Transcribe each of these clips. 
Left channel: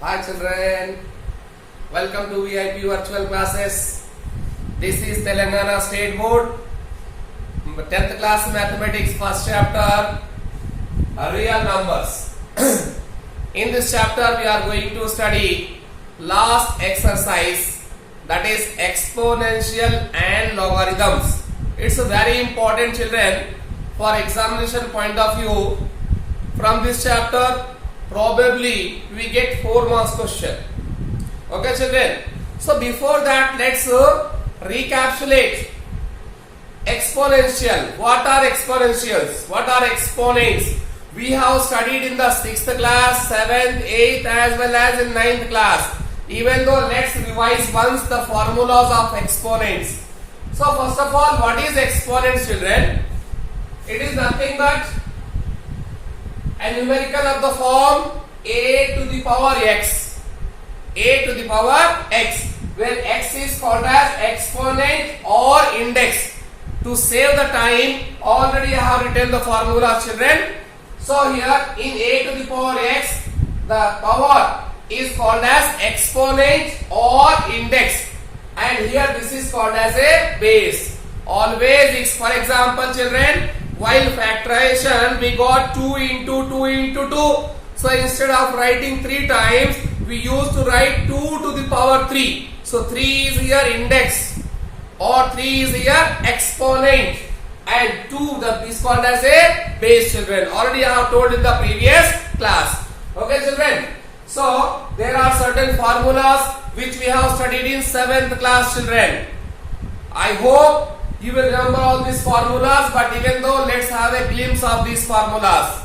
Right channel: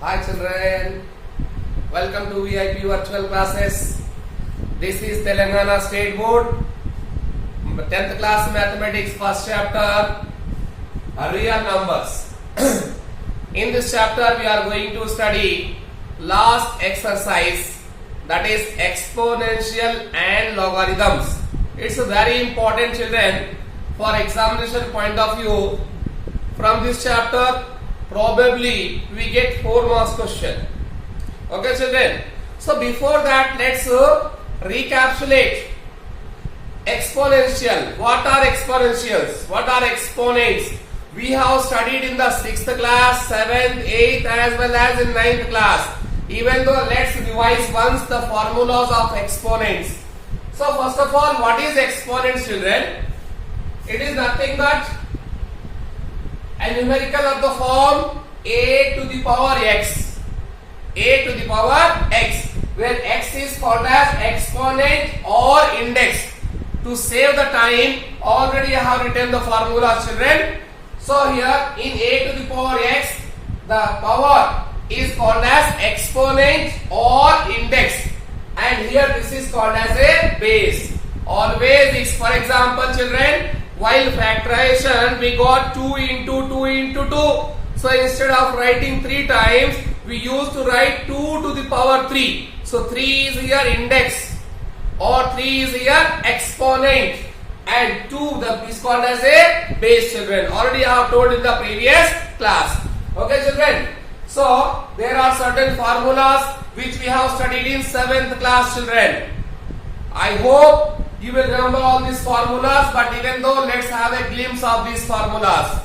Hi children, welcome to VIP virtual classes. This is Telangana State Board 10th class mathematics first chapter real numbers. In this chapter we are going to study last exercise, that is exponential and logarithms. It's a very important children for examination point of view. From this chapter probably we get 4 marks question. Okay children, so before that let's recapitulate exponential. What are exponentials? What are exponents? We have studied in the 6th class, 7th, 8th as well as in 9th class. Even though let's revise once the formulas of exponents. So first of all, what is exponents children? It is nothing but a numerical of the form a to the power x, a to the power x, where x is called as exponent or index. To save the time, already I have written the formula children. So here in a to the power x, the power is called as exponent or index, and here this is called as a base. Always it's, for example children, while factorization we got 2 into 2 into 2. So instead of writing 3 times, we used to write 2 to the power 3. So 3 is here index or 3 is here exponent, and 2 is called as a base children. Already I have told in the previous class. Okay children. So there are certain formulas which we have studied in 7th class children. I hope you will remember all these formulas, but even though let's have a glimpse of these formulas.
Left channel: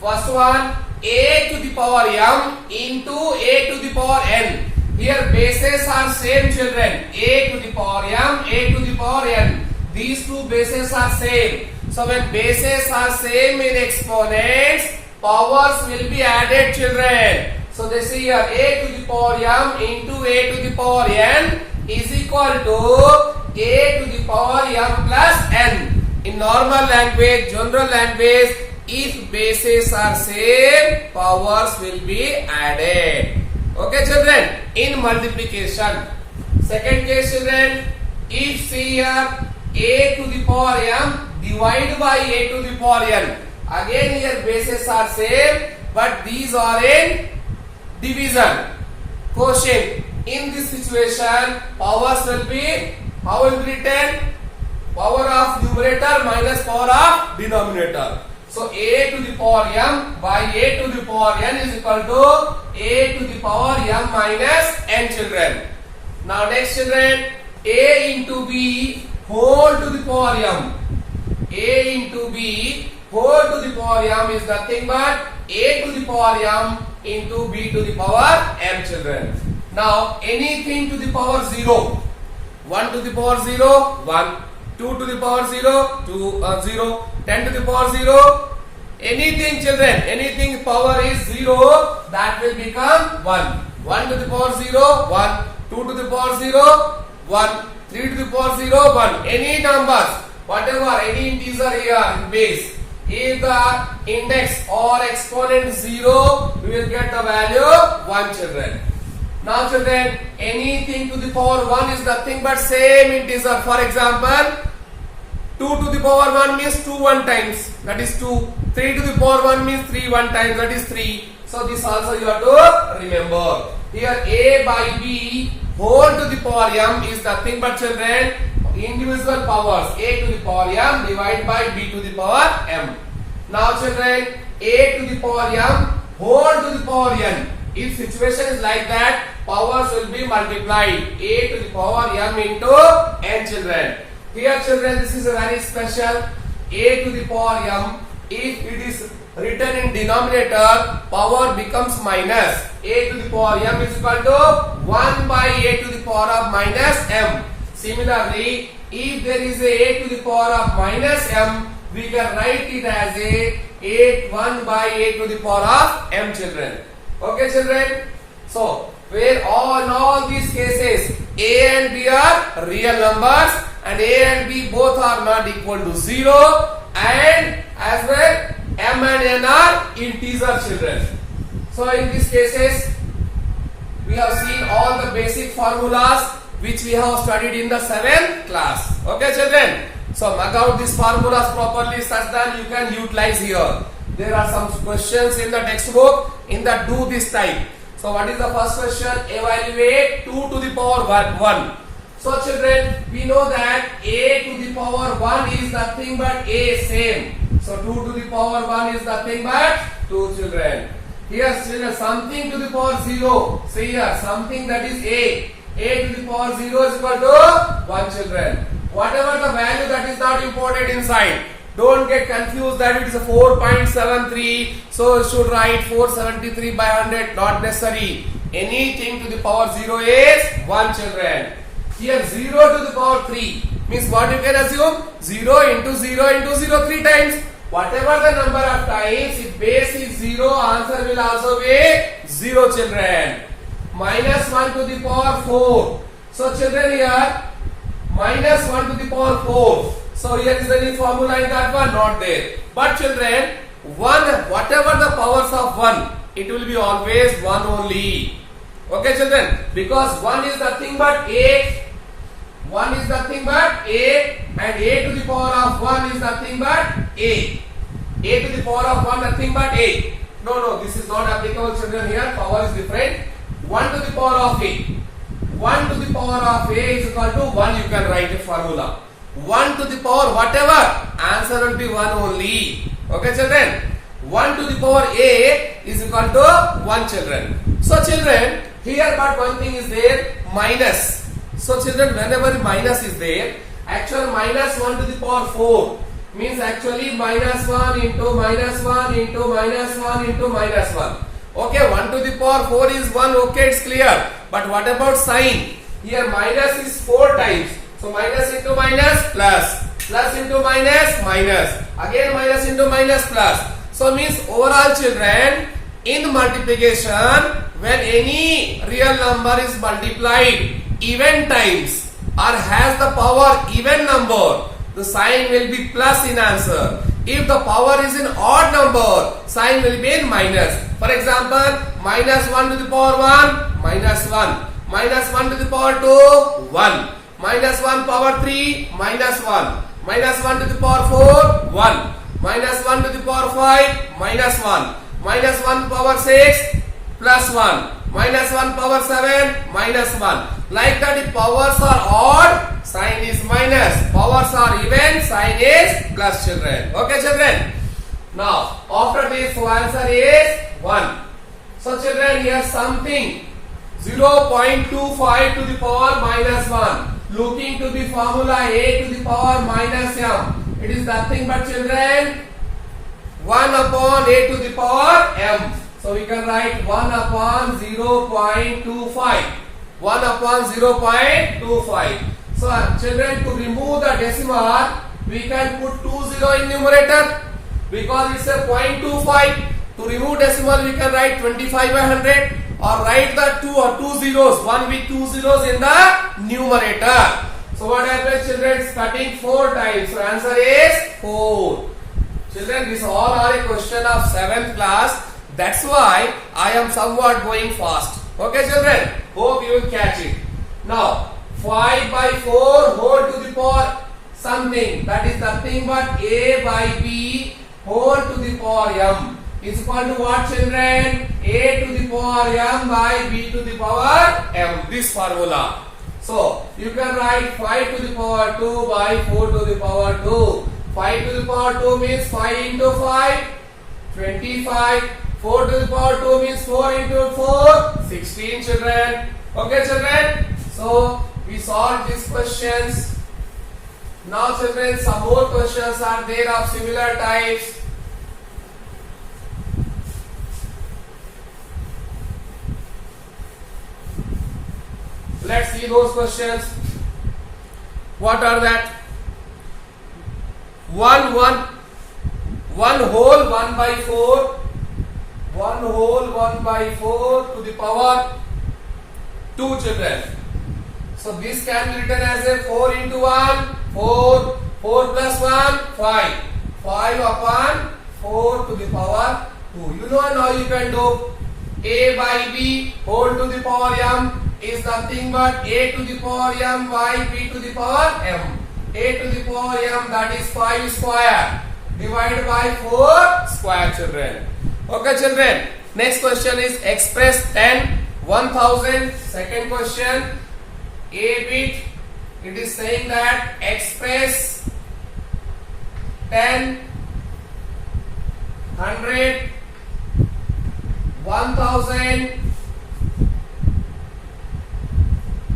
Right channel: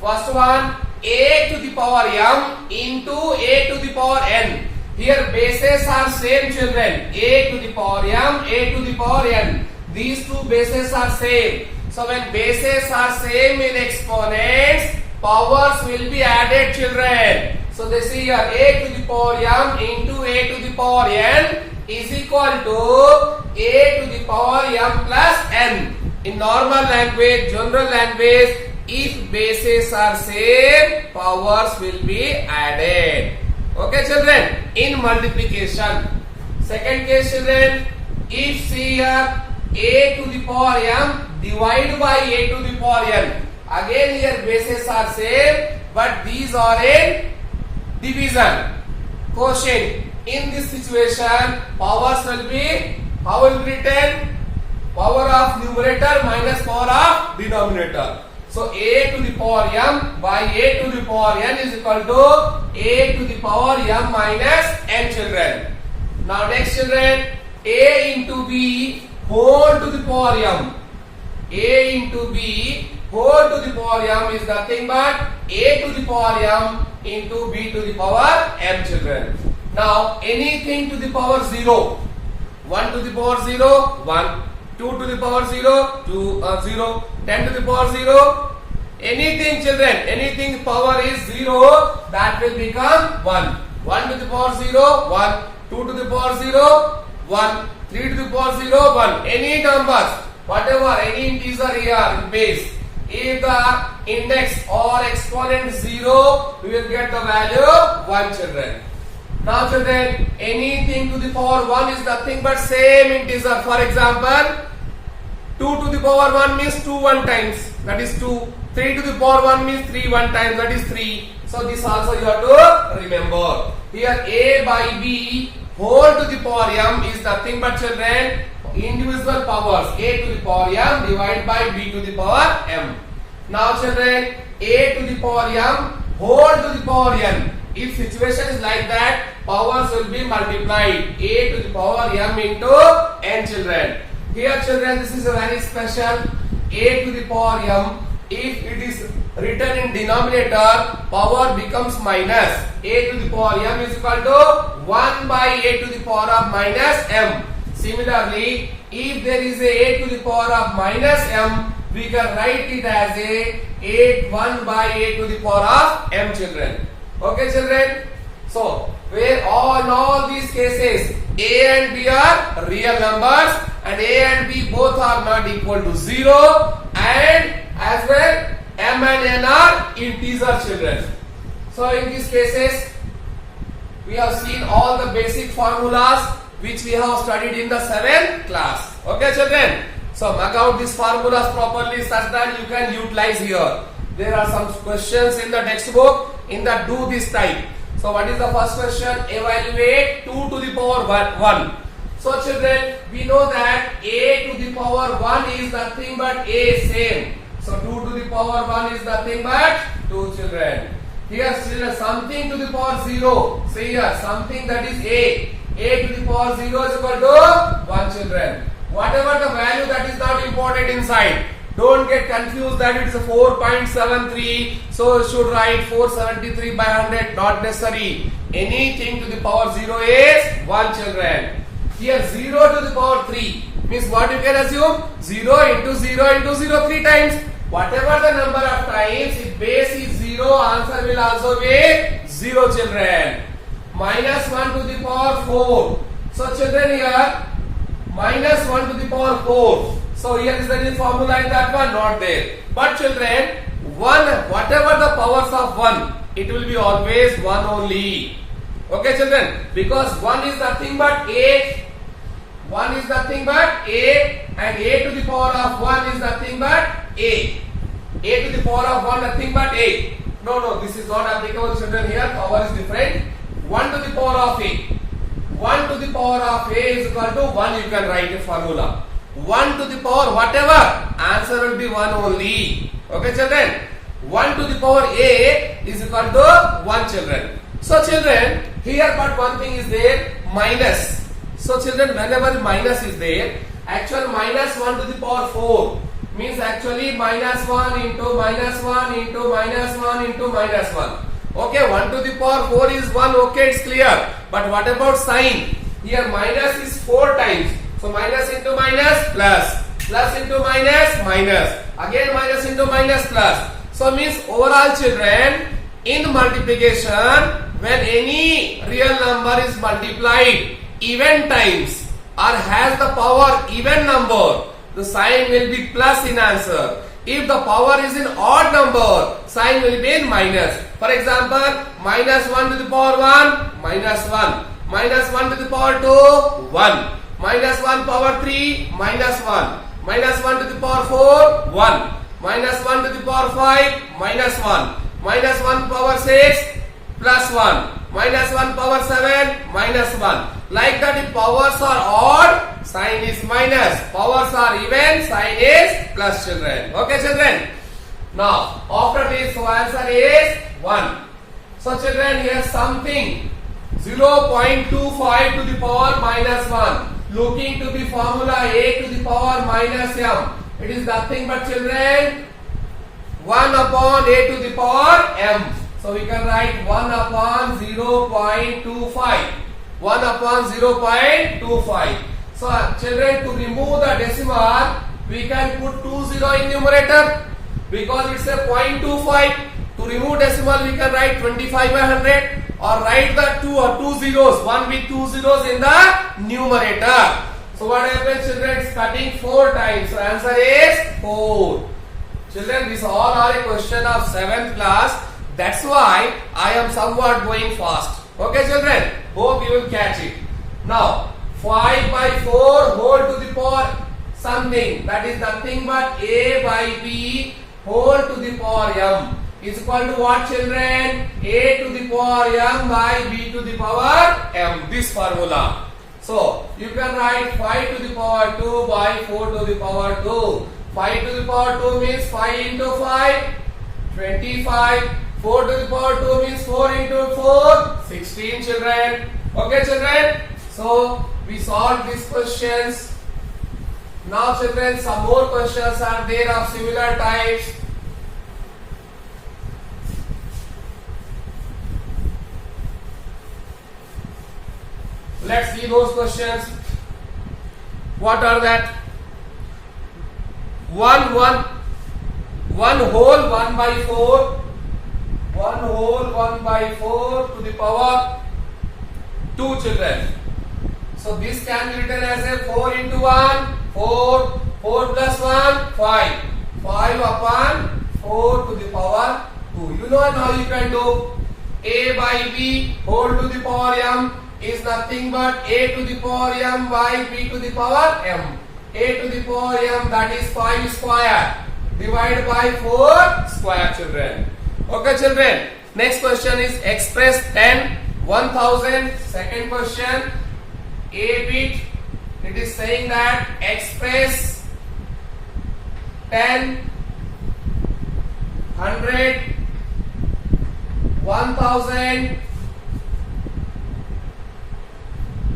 First one, a to the power m into a to the power n. Here bases are same children, a to the power m, a to the power n. These two bases are same. So when bases are same in exponents, powers will be added children. So they see here a to the power m into a to the power n is equal to a to the power m plus n. In normal language, general language, if bases are same, powers will be added. Okay children, in multiplication. Second case children, if see here a to the power m divided by a to the power n. Again here bases are same, but these are in division, quotient. In this situation, powers will be, how will be written? Power of numerator minus power of denominator. So a to the power m by a to the power n is equal to a to the power m minus n children. Now next children, a into b whole to the power m. A into b whole to the power m is nothing but a to the power m into b to the power m children. Now anything to the power 0, 1 to the power 0, 1, 2 to the power 0, 2, 0, 10 to the power 0, anything children, anything power is 0, that will become 1. 1 to the power 0, 1, 2 to the power 0, 1, 3 to the power 0, 1. Any numbers, whatever, any integer here in base. If the index or exponent 0, we will get the value 1 children. Now children, anything to the power 1 is nothing but same integer. For example, 2 to the power 1 means 2 1 times, that is 2. 3 to the power 1 means 3 1 times, that is 3. So this also you have to remember. Here a by b whole to the power m is nothing but children individual powers, a to the power m divided by b to the power m. Now children, a to the power m whole to the power n. If situation is like that, powers will be multiplied, a to the power m into n children. Here children, this is a very special, a to the power m. If it is written in denominator, power becomes minus. A to the power m is equal to 1 by a to the power of minus m. Similarly, if there is a to the power of minus m, we can write it as a 1 by a to the power of m children. Okay children? So, where in all these cases, a and b are real numbers and a and b both are not equal to 0, and as well m and n are integer children. So in these cases, we have seen all the basic formulas which we have studied in the 7th class. Okay, children? So mark out these formulas properly such that you can utilize here. There are some questions in the textbook in the do this type. So what is the first question? Evaluate 2 to the power 1. So children, we know that a to the power 1 is nothing but a same. So 2 to the power 1 is nothing but 2, children. Here children, something to the power 0. See here, something that is a. A to the power 0 is equal to 1, children. Whatever the value that is not imported inside. Don't get confused that it's a 4.73. So you should write 473 by 100. Not necessary. Anything to the power 0 is 1, children. Here 0 to the power 3 means what you can assume? 0 into 0 into 0 3 times. Whatever the number of times, if base is 0, answer will also be 0, children. Minus 1 to the power 4. So children here, minus 1 to the power 4. So here is any formula in that one? Not there. But children, 1, whatever the powers of 1, it will be always 1 only. Okay children? Because 1 is nothing but a. 1 is nothing but a, and a to the power of 1 is nothing but a. A to the power of 1 nothing but a. No, this is not applicable, children. Here power is different. 1 to the power of a. 1 to the power of a is equal to 1. You can write a formula. 1 to the power whatever, answer will be 1 only. Okay children? 1 to the power a is equal to 1, children. So children, here but one thing is there, minus. So children, whenever minus is there, actual minus 1 to the power 4 means actually minus 1 into minus 1 into minus 1 into minus 1. Okay, 1 to the power 4 is 1, okay, it's clear. But what about sign? Here minus is 4 times. So minus into minus plus, plus into minus minus, again minus into minus plus. So means overall children, in multiplication, when any real number is multiplied even times or has the power even number, the sign will be plus in answer. If the power is in odd number, sign will be in minus. For example, minus 1 to the power 1, minus 1. Minus 1 to the power 2, 1. Minus 1 power 3, minus 1. Minus 1 to the power 4, 1. Minus 1 to the power 5, minus 1. Minus 1 power 6, plus 1. Minus 1 power 7, minus 1. Like that, if powers are odd, sign is minus. Powers are even, sign is plus, children. Okay, children? Now, after this, so answer is 1. So, children, here something 0.25 to the power minus 1. Looking to be formula a to the power minus m. It is nothing but, children, 1 upon a to the power m. So we can write 1 upon 0.25. 1 upon 0.25. So children, to remove the decimal, we can put 20 in numerator because it's a 0.25. To remove decimal, we can write 25 by 100 or write the 2 or 2 zeros, 1 with 2 zeros in the numerator. So what happens, children? It's cutting 4 times. So answer is 4. Children, these all are a question of 7th class. That's why I am somewhat going fast. Okay, children? Hope you will catch it. Now, 5 by 4 whole to the power something. That is nothing but a by b whole to the power m is equal to what, children? A to the power m by b to the power m. This formula. So, you can write 5 to the power 2 by 4 to the power 2. 5 to the power 2 means 5 into 5, 25. 4 to the power 2 means 4 into 4, 16, children. Okay, children? So, we solved these questions. Now, children, some more questions are there of similar types. Let's see those questions. What are that? 1 whole 1 by 4. 1 whole 1 by 4 to the power 2, children. So this can be written as a 4 into 1, 4, 4 plus 1, 5. 5 upon 4 to the power 2. You know how you can do. a by b whole to the power m is nothing but a to the power m by b to the power m. A to the power m, that is 5 square divided by 4 square, children. Okay, children. Next question is express 10 1000. Second question, a bit. It is saying that express 10, 100, 1000,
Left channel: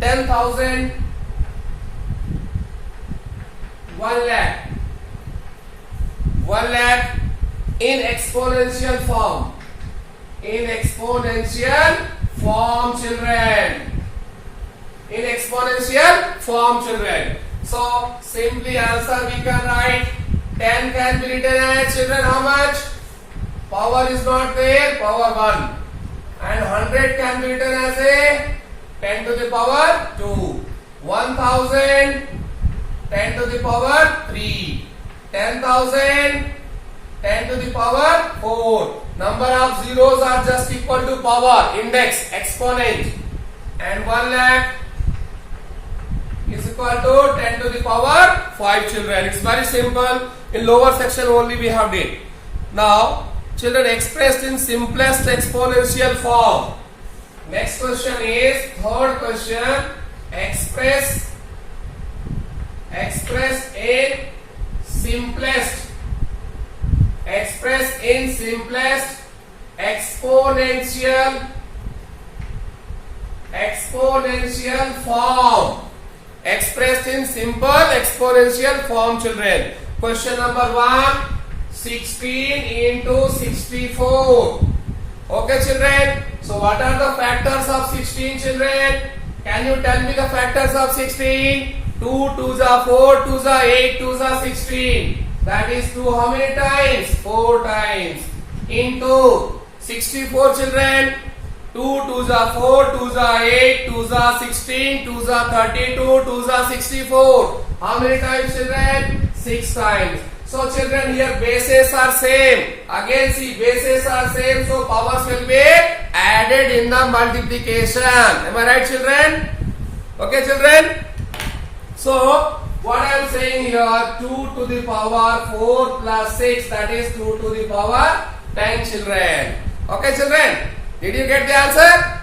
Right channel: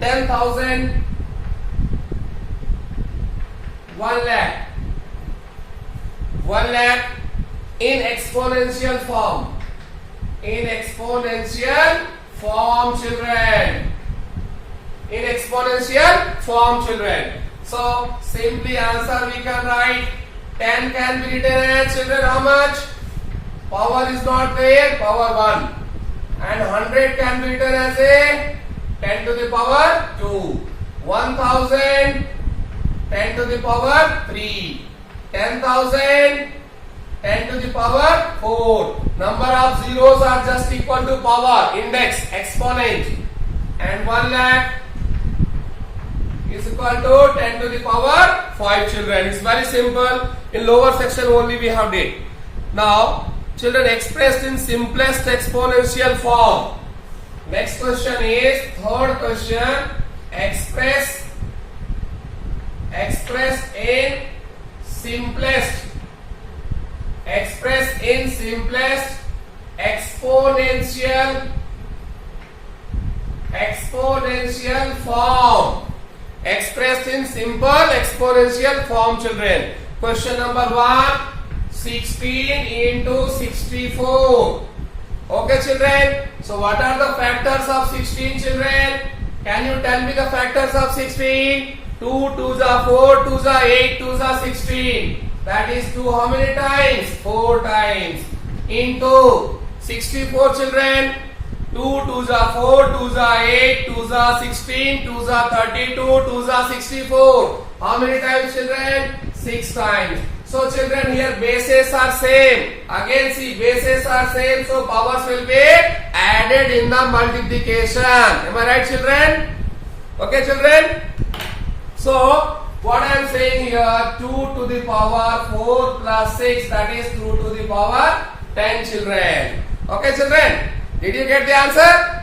10,000, 1 lakh. 1 lakh in exponential form. In exponential form, children. In exponential form, children. So simply answer we can write 10 can be written as, children, how much? Power is not there, power 1. And 100 can be written as a 10 to the power 2. 1000, 10 to the power 3. 10,000, 10 to the power 4. Number of zeros are just equal to power, index, exponent. And 1 lakh is equal to 10 to the power 5, children. It's very simple. In lower section only we have did. Now, children, expressed in simplest exponential form. Next question is, third question, express in simplest exponential form. Expressed in simple exponential form, children. Question number 1, 16 into 64. Okay, children. So what are the factors of 16, children? Can you tell me the factors of 16? 2 2s are 4, 2s are 8, 2s are 16. That is 2 how many times? 4 times. Into 64, children. 2 2s are 4, 2s are 8, 2s are 16, 2s are 32, 2s are 64. How many times, children? 6 times. So children, here bases are same. Again see, bases are same, so powers will be added in the multiplication. Am I right, children? Okay, children? So what I am saying here, 2 to the power 4 plus 6, that is 2 to the power 10, children. Okay, children? Did you get the answer?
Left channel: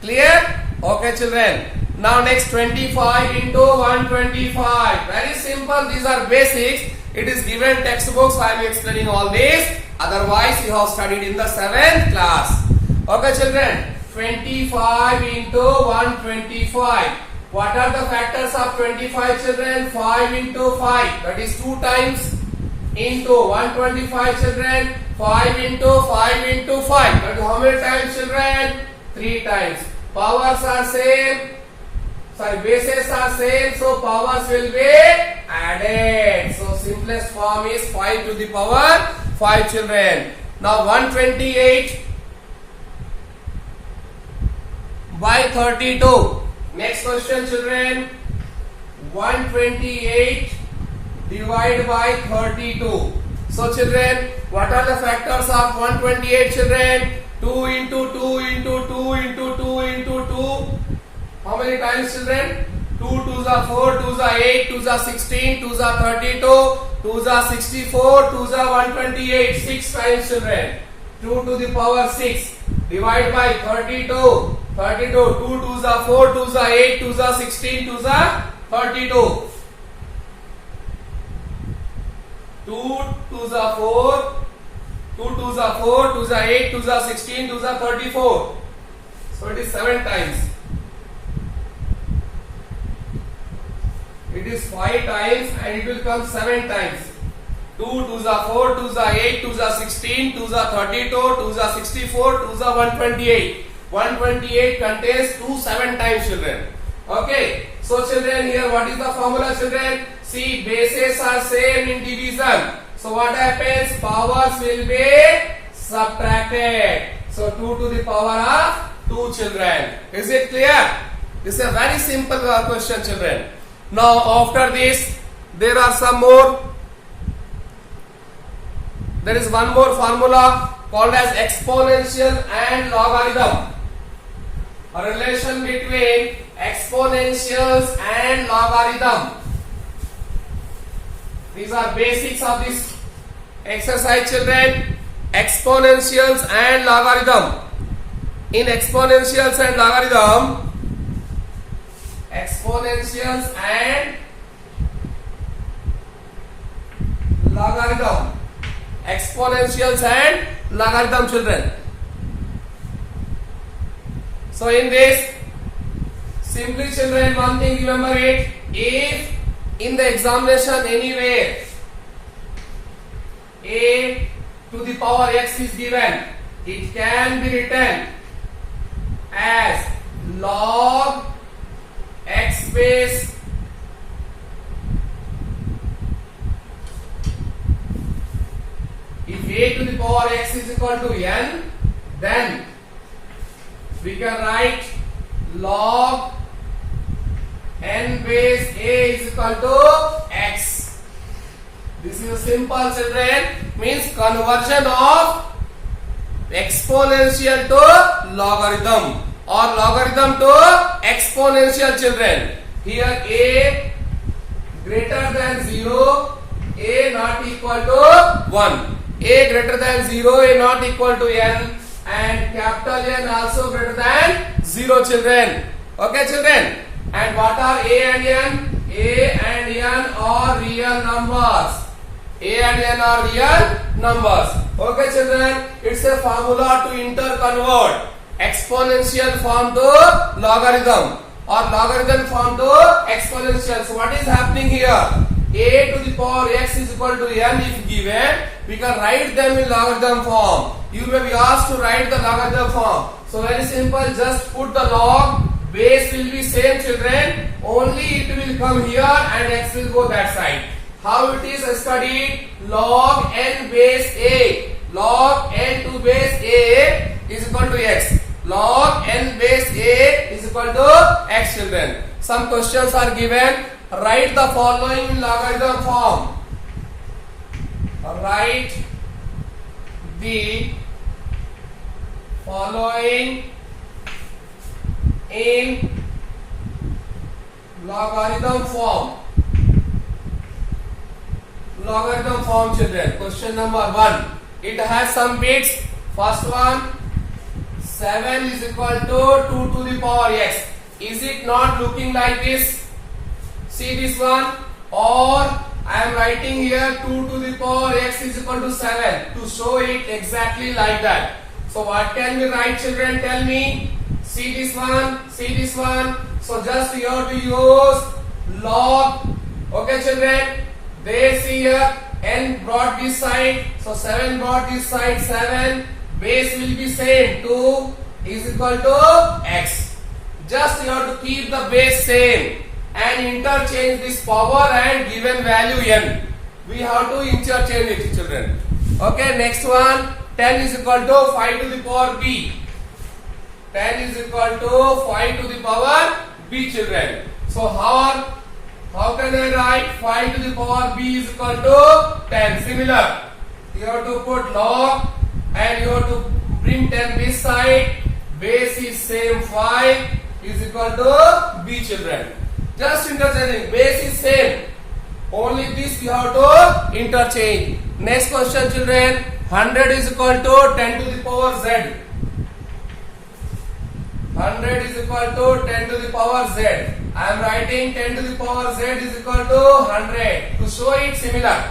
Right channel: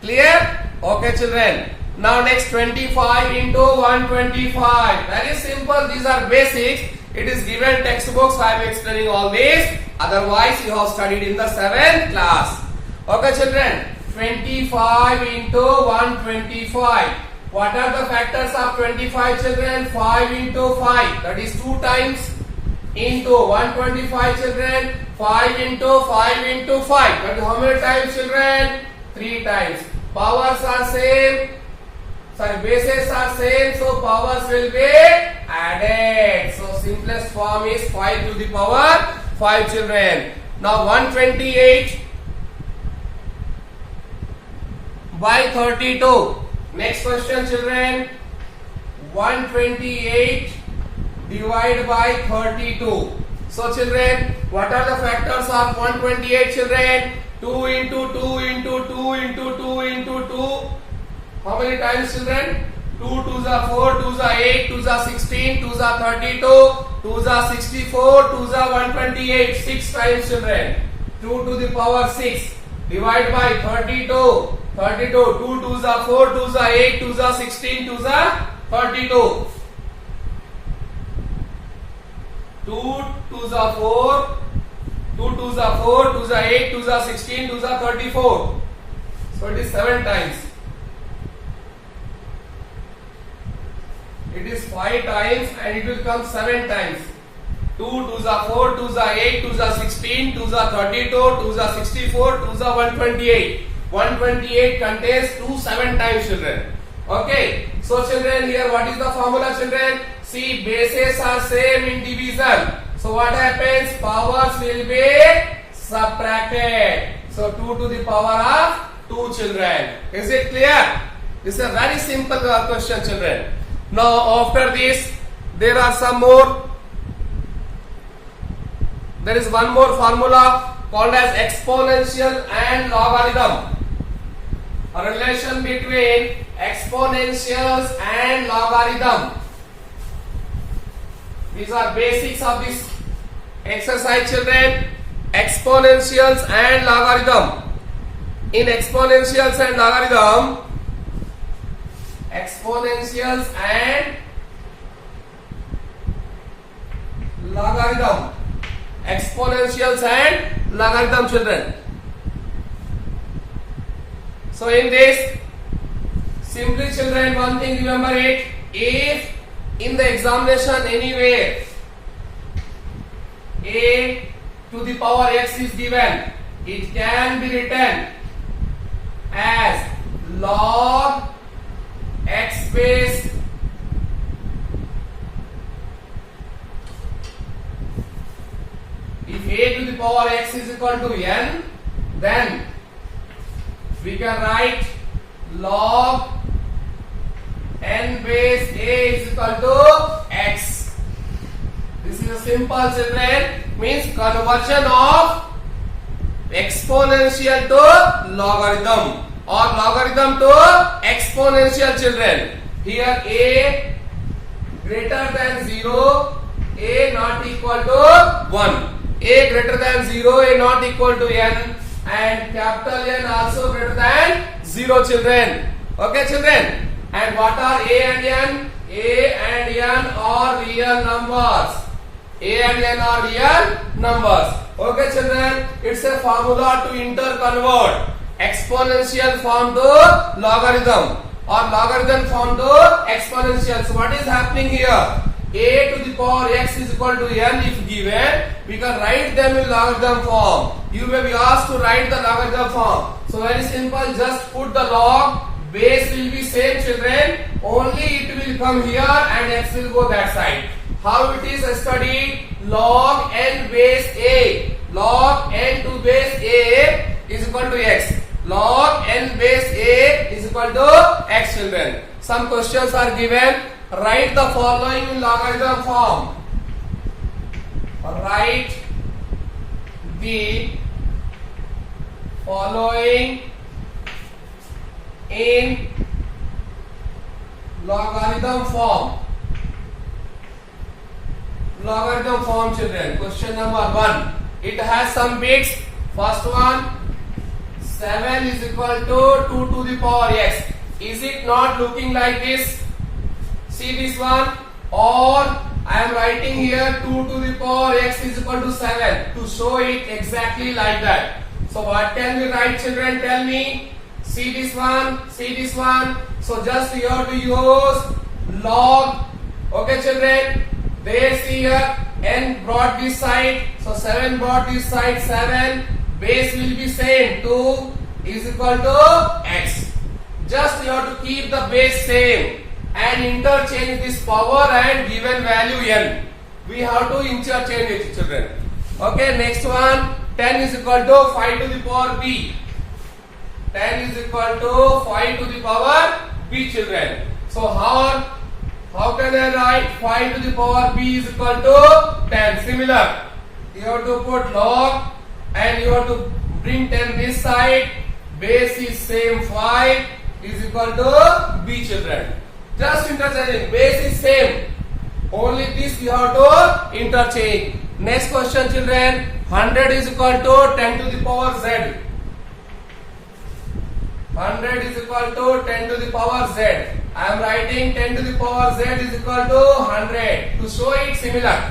Clear? Okay, children. Now next, 25 into 125. Very simple. These are basics. It is given textbooks. I am explaining all this. Otherwise, you have studied in the 7th class. Okay, children. 25 into 125. What are the factors of 25, children? 5 into 5. That is 2 times. Into 125, children. 5 into 5 into 5. That is how many times, children? 3 times. Powers are same. Sorry, bases are same. So powers will be added. So simplest form is 5 to the power 5, children. Now 128 by 32. Next question, children. 128 divided by 32. So children, what are the factors of 128, children? 2 into 2 into 2 into 2 into 2. How many times, children? 2 2s are 4, 2s are 8, 2s are 16, 2s are 32, 2s are 64, 2s are 128. 6 times, children. 2 to the power 6. Divide by 32. 32. 2 2s are 4, 2s are 8, 2s are 16, 2s are 32. 2 2s are 4, 2 2s are 4, 2s are 8, 2s are 16, 2s are 34. So it is 7 times. It is 5 times and it will come 7 times. 2 2s are 4, 2s are 8, 2s are 16, 2s are 32, 2s are 64, 2s are 128. 128 contains 2 7 times, children. Okay. So children, here what is the formula, children? See, bases are same in division. So what happens? Powers will be subtracted. So 2 to the power of 2, children. Is it clear? This is a very simple question, children. Now after this, there are some more. There is one more formula. called as exponential and logarithm. A relation between exponentials and logarithm. These are basics of this exercise, children. Exponentials and logarithm. In exponentials and logarithm, exponentials and logarithm, exponentials and logarithm, children. So in this, simply, children, one thing remember it: if in the examination anywhere a to the power x is given, it can be written as log x base if a to the power x is equal to n, then we can write log n base a is equal to x. This is a simple, children, means conversion of exponential to logarithm or logarithm to exponential, children. Here a greater than 0, a not equal to 1. A greater than 0, a not equal to n, and capital N also greater than 0, children. Okay, children. And what are a and n? A and n are real numbers. A and n are real numbers. Okay, children. It's a formula to interconvert exponential form to logarithm or logarithm form to exponential. So what is happening here? A to the power x is equal to n if given, we can write them in logarithm form. You may be asked to write the logarithm form. So very simple, just put the log, base will be same, children, only it will come here and x will go that side. How it is studied? Log n base a, log n to base a is equal to x. Log n base a is equal to x, children. Some questions are given. Write the following in logarithm form. Write the following in logarithm form. Logarithm form, children. Question number 1. It has some bits. First one, 7 is equal to 2 to the power x. Is it not looking like this? See this one, or I am writing here 2 to the power x is equal to 7 to show it exactly like that. So what can we write, children? Tell me. See this one, see this one. So just you have to use log. Okay, children. They see here n brought this side, so 7 brought this side, 7. Base will be same, 2 is equal to x. Just you have to keep the base same and interchange this power and given value n. We have to interchange it, children. Okay, next one, 10 is equal to 5 to the power b. 10 is equal to 5 to the power b, children. So how can I write 5 to the power b is equal to 10? Similar, you have to put log and you have to bring 10 this side. Base is same, 5 is equal to b, children. Just interchanging. Base is same. Only this you have to interchange. Next question, children. 100 is equal to 10 to the power z. 100 is equal to 10 to the power z. I am writing 10 to the power z is equal to 100 to show it similar.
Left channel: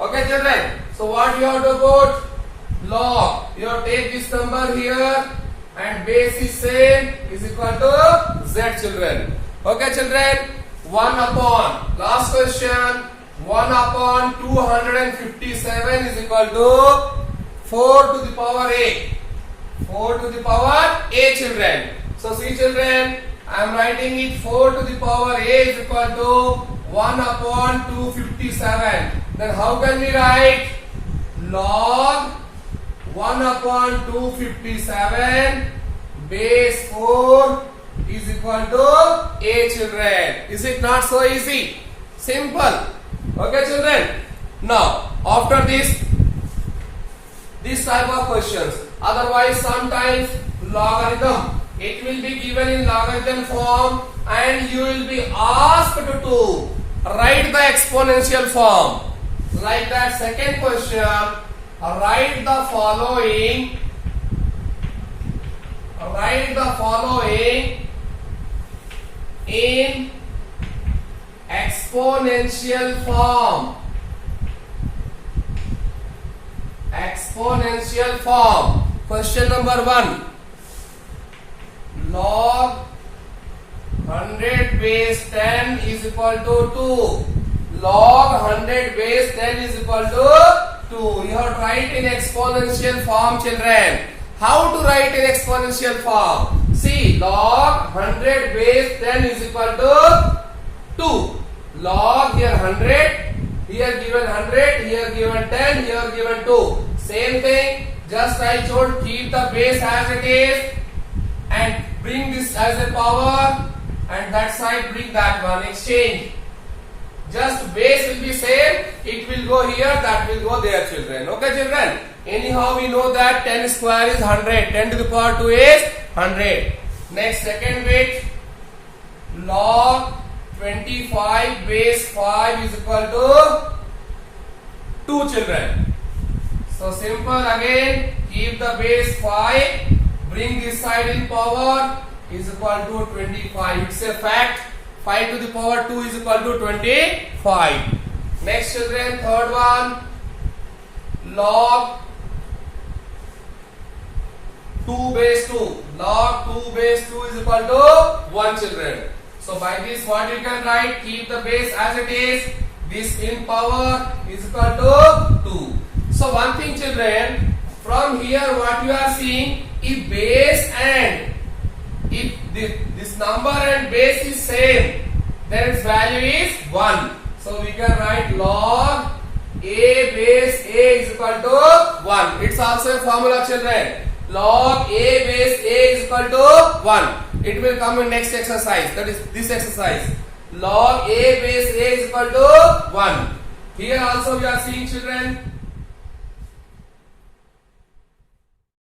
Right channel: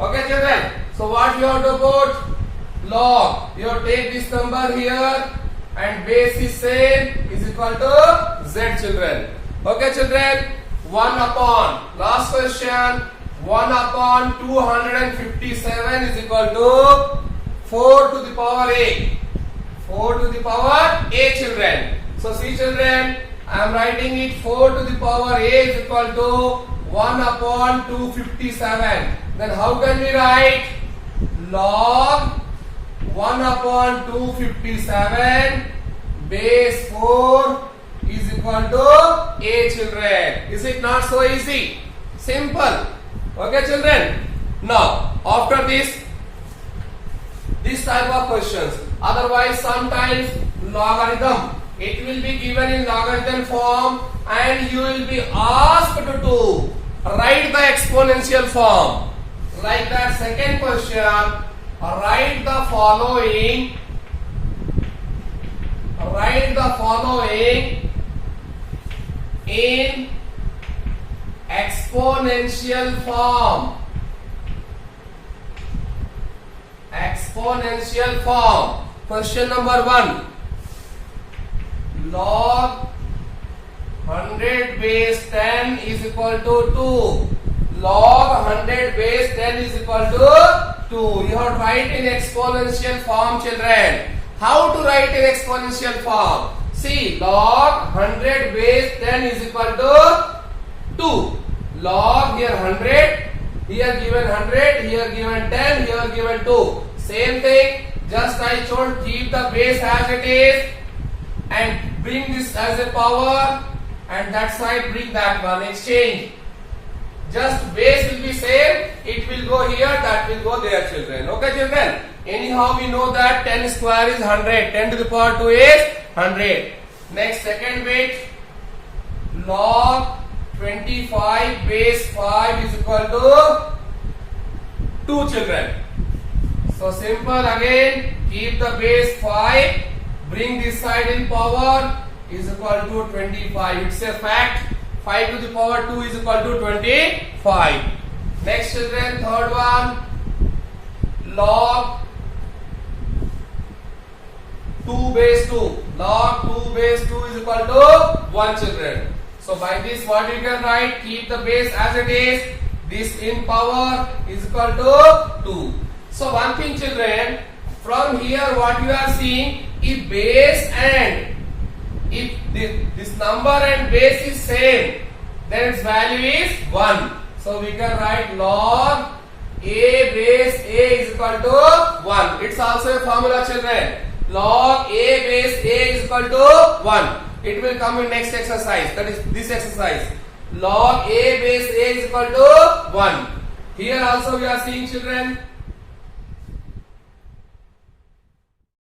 Okay, children. So what you have to put? Log. You have to take this number here and base is same is equal to z, children. Okay, children. 1 upon, last question, 1 upon 257 is equal to 4 to the power a. 4 to the power a, children. So see, children, I am writing it 4 to the power a is equal to 1 upon 257. Then how can we write? Log 1 upon 257 base 4 is equal to a, children. Is it not so easy? Simple. Okay, children. Now, after this, This type of questions. Otherwise, sometimes logarithm, it will be given in logarithm form and you will be asked to write the exponential form. Like that second question, write the following in exponential form. Exponential form. Question number 1. Log 100 base 10 is equal to 2. Log 100 base 10 is equal to 2. You have to write in exponential form, children. How to write in exponential form? See, log 100 base 10 is equal to 2. Log here 100, here given 100, here given 10, here given 2. Same thing, just I told keep the base as it is and bring this as a power and that side bring that one, exchange. Just base will be same, it will go here, that will go there, children. Okay, children? Anyhow, we know that 10 square is 100, 10 to the power 2 is 100. Next, second bit, log 25 base 5 is equal to 2, children. So simple again, keep the base 5, bring this side in power is equal to 25. It's a fact. 5 to the power 2 is equal to 25. Next, children, third one, log 2 base 2. Log 2 base 2 is equal to 1, children. So by this, what you can write? Keep the base as it is. This in power is equal to 2. So one thing, children, from here what you are seeing, if base and if this number and base is same, then its value is 1. So we can write log a base a is equal to 1. It's also a formula, children. Log a base a is equal to 1. It will come in next exercise, that is this exercise. Log a base a is equal to 1. Here also we are seeing, children,